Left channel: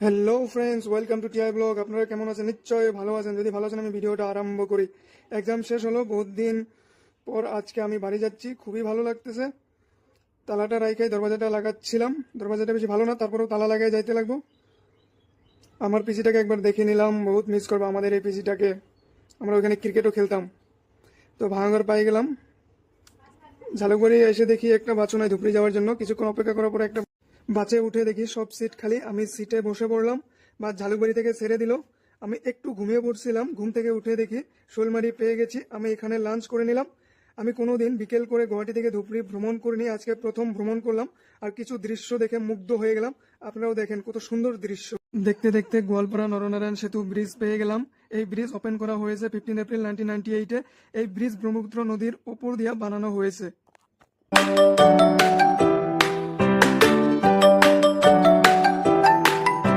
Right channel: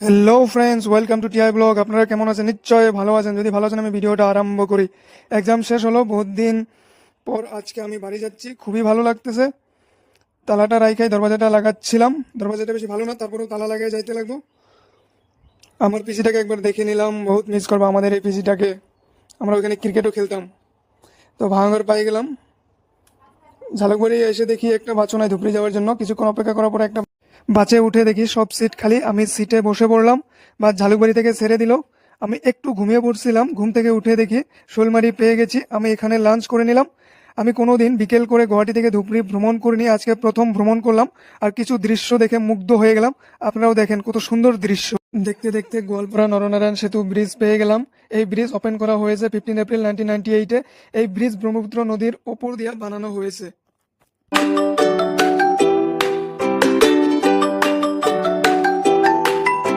Hello friends, welcome to TI blog. আপনারা কেমন আছেন? নিশ্চয় ভালো আছেন। যদি ভালো আছেন আমি ভিডিওটা আরম্ভ করি। এক্সাম শেষ হলো বহুত দিন পর, আজকে আমি বাড়ি যাচ্ছি, খুবই ভালো লাগতেছে। তালাটা রাইখাই দরজাটা লাগাচ্ছিলাম, দরজাটা বেশি ভালো না, তারপরেও তালা লাগিয়ে যাইতে লাগবো। আমার পিসিটাকে একবার দেখে নিলাম, বহুত মিস করবো আমাদের এই পিসিটাকে। আমরা ওখানে ক্রিকেটও খেলতাম। তো ভাঙর পাই গেলাম, ঝালুকবাড়ি এসে দেখি একটা বাচ্চা নাই ধুপড়ি যাওয়ার জন্য। কিছুক্ষণ অপেক্ষা করার পর একটা বাসে উঠে দেখি সব সিট খালি, আমি সিটে বসে পড়লাম। বা ঝালুকবাড়ি থেকে ছেড়ে দিল, আমি একটু ঘুমিয়ে পড়ছিলাম, ঘুম থেকে উঠে দেখি শোলমারি পেয়ে গেছি। আমি এখানে লাঞ্চ করে নিলাম। আমি কোনোদিন বিকেল করে গুয়াহাটি থেকে ধুপড়ি ভ্রমণ করিনি, আজকে প্রথম ভ্রমণ করলাম। আর কিছু দৃশ্য দেখে মুগ্ধ হয়ে গেলাম। আপনারাও দেখেন কত সুন্দর দৃশ্য। দেখতে দেখতে গোয়ালপাড়া নরনারায়ণ সেতু ব্রিজ পেয়ে গেলাম। এই ব্রিজ ওপেন করা হয়েছে 15 এপ্রিল 1998-এ। এই ব্রিজ ব্রহ্মপুত্র নদীর ওপর দিয়ে বানানো হয়েছে।